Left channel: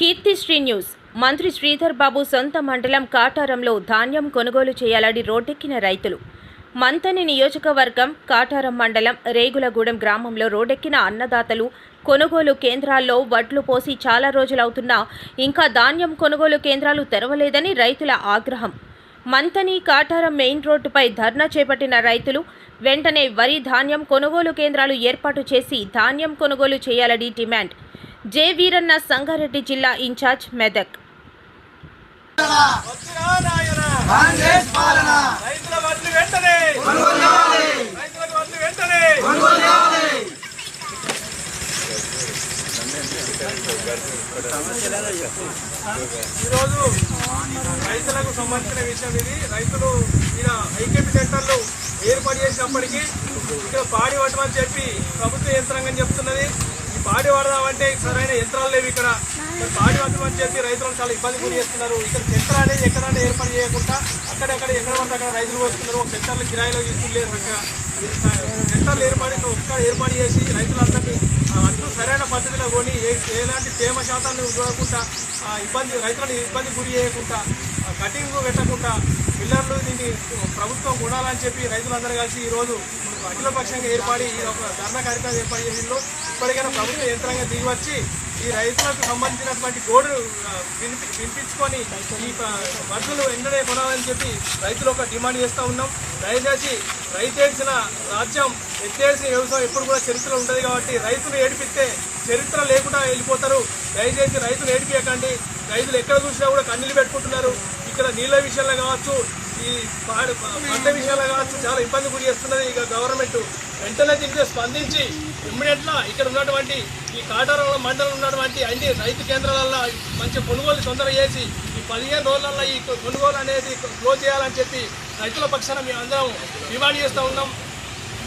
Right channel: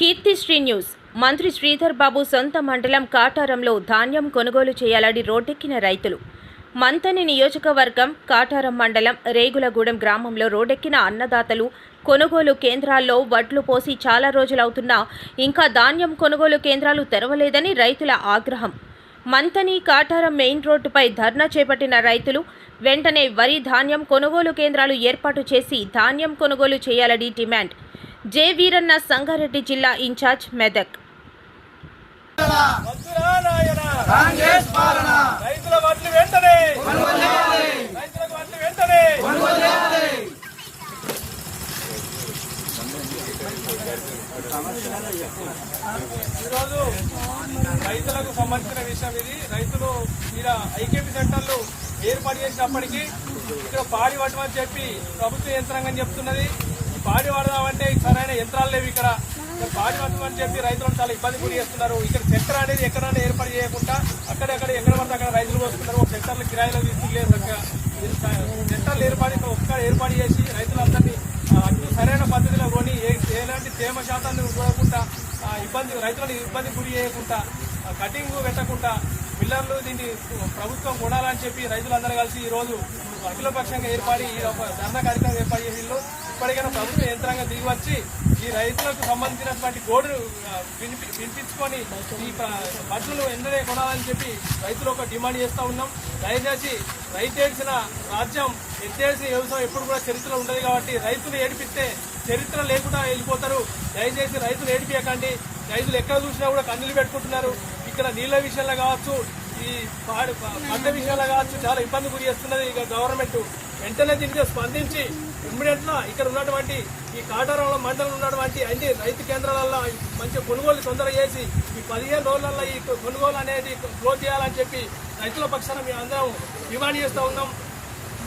Keerthisri news. మంత్రి శ్రీధర్ బాబు సొంత మండలం కాటారంలో ధాన్యం కొనుగోలు చేయాలని రోడ్డెక్కిన రైతులు. మంతని నియోజకవర్గం కాటారం మండలం రేగులగూడెం గ్రామంలో రోడ్డెక్కిన అన్నదాతలు కొనుగోలు కేంద్రాల్లో వడ్లు పోసి చాలా రోజులవుతున్నా ఇంకా ధాన్యం కొనుగోలు కేంద్రాలు తెరవలేదని రైతుల ఆగ్రహం. మంతని కాటారం మెయిన్ రోడ్డుపై ధర్నా చేపట్టిన రైతులు వెంటనే వరి ధాన్యం కొనుగోలు కేంద్రాలు ఏర్పాటు చేసి ధాన్యం కొనుగోలు చేయాలని డిమాండ్. జె వీరన్న సంగారెడ్డి జిల్లా ఇన్ఛార్జ్ మెదక్. ఈరోజు రైతులకు సంబంధించిన విషయం ఇది. రైతులు ఇక్కడ ఐకేపీ సెంటర్లు ఏర్పాటు చేసినప్పటికీ ఇక్కడ పాడి పట్టమని చెప్పి ప్రభుత్వ యంత్రాంగం చెప్తున్నది. పాడి పడదామంటే సరైన యంత్రాలు లేవు ఇక్కడ. పాడి పట్టమని చెప్పి రైతులను చాలా ఇబ్బంది గురి చేస్తున్నారు. ఇక్కడ సెక్టర్ అనేది ఎక్కడంటే ఏర్పాటు చేయకుండా అక్కడెక్కడ ఎక్కడ పడితే అక్కడ రైతులు వస్తున్నారు ఒక సెక్టర్లు కిరాయిలో తీసుకుంటే సెక్టర్లు ఏర్పాటు ఒక్క ఏర్పాటు చేసి రైతులందరినీ ఆ, అట్లు సరైన పద్ధతిలో కొని ఎలాంటి తేమ శాతాన్ని చూడకుండా ఇబ్బంది రైతులను ఇబ్బంది గురి చేయకుండా కటింగ్ పెట్టకుండా పిల్లర్లు దీన్ని ప్రభుత్వం కొనాలని చెప్పి రైతులందరూ కలిసి ఈరోజు అఖిలపక్షంగా ఏర్పడి ఈ ధర్నా కార్యక్రమం ఏర్పాటు చేసిందో ఇప్పటికైనా ప్రభుత్వ యంత్రాంగం దిగి వచ్చి ఈ రైతులకు సంబంధించినటువంటి కోడ్ వినిపి వినిపించుకొని ఈ మద్దతులు వెంటనే కొనాలని చెప్పి రైతులు ఒక డిమాండ్ చేస్తూ ఉన్నాం. దయచేసి రైతు ఏడ్చిన రాజ్యం ఎత్తేసిన వ్యవసాయం ఎప్పుడు కూడా చరిత్ర ఉంటుంది కాబట్టి రైతులు ఏడిపిస్తే చరిత్ర లేకుండా వెళ్ళిపోతారు. దయచేసి రైతులు ఏడిపించకండి రైతులు ఎక్కడ చూసినా కూడా కన్నీళ్ళు పెట్టుకుంటున్నారు. ఇక్కడ నీళ్ళ విషయంలో కావచ్చు ఈ పాడు పంట విషయాలు కావచ్చు చాలా ఇబ్బంది గురి చేస్తున్నది ఇక గవర్నమెంట్ వెంటనే దీనికి స్పందించి ఇమ్మీడియట్గా ఇక్కడ ఉన్నటువంటి ఈ కాటారంలో మండలం ఉన్నటువంటి అన్ని రైతు కేంద్రాలలో మంచి కొనుగోలు తొందర చేసి ఈ పదిహేను రోజులలో ఈ కొనుగోలు అనేది క్లోజ్ చేయాలని చెప్పి రైతుల పక్షాన మేమందరం డిమాండ్ చేస్తూ ఉన్నాం.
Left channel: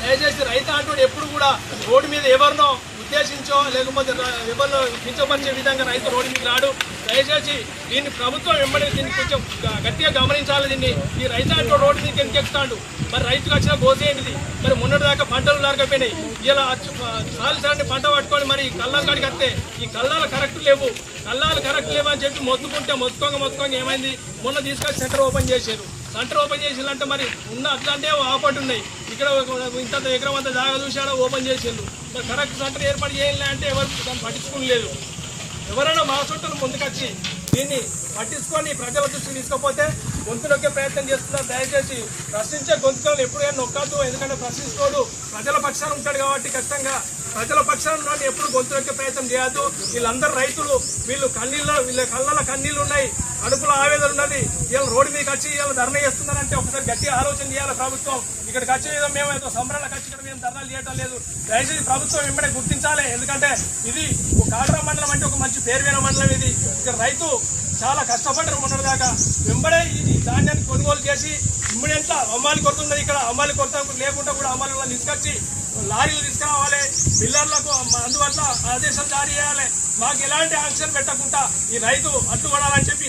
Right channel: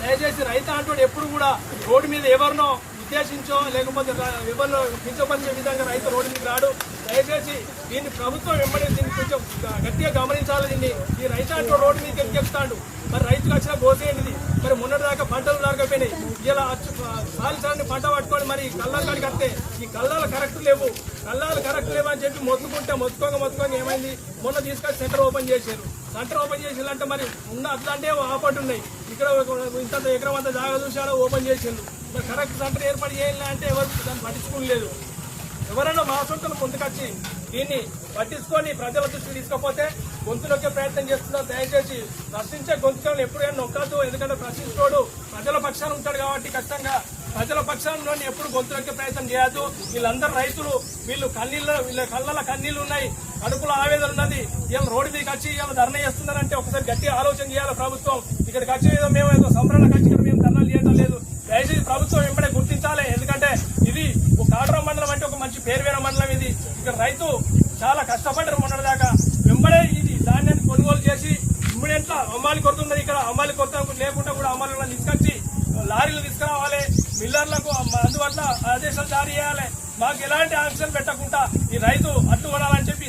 దయచేసి రైతు అంటూ ఎప్పుడు కూడా రోడ్డు మీద ఎవరినో ఉద్దేశించో లేకపోతే రా- ఎవరినో కించపరిచే విధంగా రైతు రోడ్డు మీద రాడు. దయచేసి దీన్ని ప్రభుత్వం వెంబడి దీన్ని కొంచెం గట్టిగా గమనించాలి. దీన్ని ఈ రైతు అంటూ రోడ్డు మీద ఎందుకెక్కుతాడు మరి రైతుకు వచ్చిన గోసేమిది మరి మొన్నటి దాకా పంటలు లేకపోయినాయి ఇలా సాలిసారిని పంట పట్టుకొని మరి కళ్ళ కాడికి వస్తే ఈ కళ్ళాలు కరెక్ట్ లేవు. కళ్ళాలు కరెక్ట్ లేవు అని చెప్పి మొత్తుకుంటే మొత్తుకోక మొత్తుకోక ఏమైంది? మొన్న తీసుకొని సెంటర్ ఓపెన్ చేశారు. సెంటర్ ఓపెన్ చేసిందంటే మరి ఉన్న అట్లాంటివి ఆపట్టున్నాయి ఇక్కడ ఇంత ఎకరం అంత జాగా చూశాడు ఓపెన్ చేసిండు. కరెక్ట్ సెంటర్ ఏర్పాటు చేయాలి అంటే ఎవరు దాన్ని పట్టించుకోలేదు. ఎవరైనా మా చుట్టాలు ముందుకొచ్చి దీన్ని పట్టించుకొని ప్రజల దృష్టికి తీసుకపోతే గొంతులోకి ప్రయత్నం చేస్తున్నారు. దయచేసి ప్రశ్నించే గొంతుకలను ఎప్పుడైనా నొక్కద్దు ఎందుకంటే ప్రశ్నించుకోడు ప్రజల పక్షాన ఉంటాడు కాబట్టి ఖచ్చితంగా ప్రజల పక్షాన ఎప్పుడు గొంతులొక్కే ప్రయత్నం చేయొద్దు. వీళ్ళందరూ రైతులు. వీళ్ళు కన్నీళ్ళ వీళ్ళ కళ్ళల కన్నీళ్ళు ఉన్నాయి. కడుపులో ఆవేదన ఉన్నది. వీళ్ళ రోడ్డు మీదకి వచ్చి వీళ్ళు ధర్నా చేస్తున్నారంటే ఒకసారి గట్టిగా ఆలోచన చేయాలి ప్రభుత్వం. ఇక్కడికి వచ్చే విధంగా మేము ఏదో సంబరణ ఖర్చు మేము ధర్నాలు చేయడం లేదు. దయచేసి ప్రభుత్వం వెంబడే గుర్తించాలి. ఎందుకంటే ఇది ఒక కాటరా మండలం అంటే ఒక మంచి పేరు వేరే మండలం ఇది. ఇక్కడ రైతు చాలా కష్టపడ్డారు మొన్నటి ఈ ధాన్యాన్ని కొనుగోలు చేసి ఇమ్మీడియట్లా అమ్మాలి కొడుతున్నది ఇక్కడ అమ్మాలి కొరత లేకుండా కూడా అమ్మాలి తీసుకొచ్చి లారీలు తీసుకురావాలి. మిల్లర్లకు అందువల్ల ఆదేశాలు జారీ చేయాలి. మాకు ఎలాంటి ఆంక్షలు పెట్టకుండా ఈ రైతు అడ్డుపడాలని చెప్పి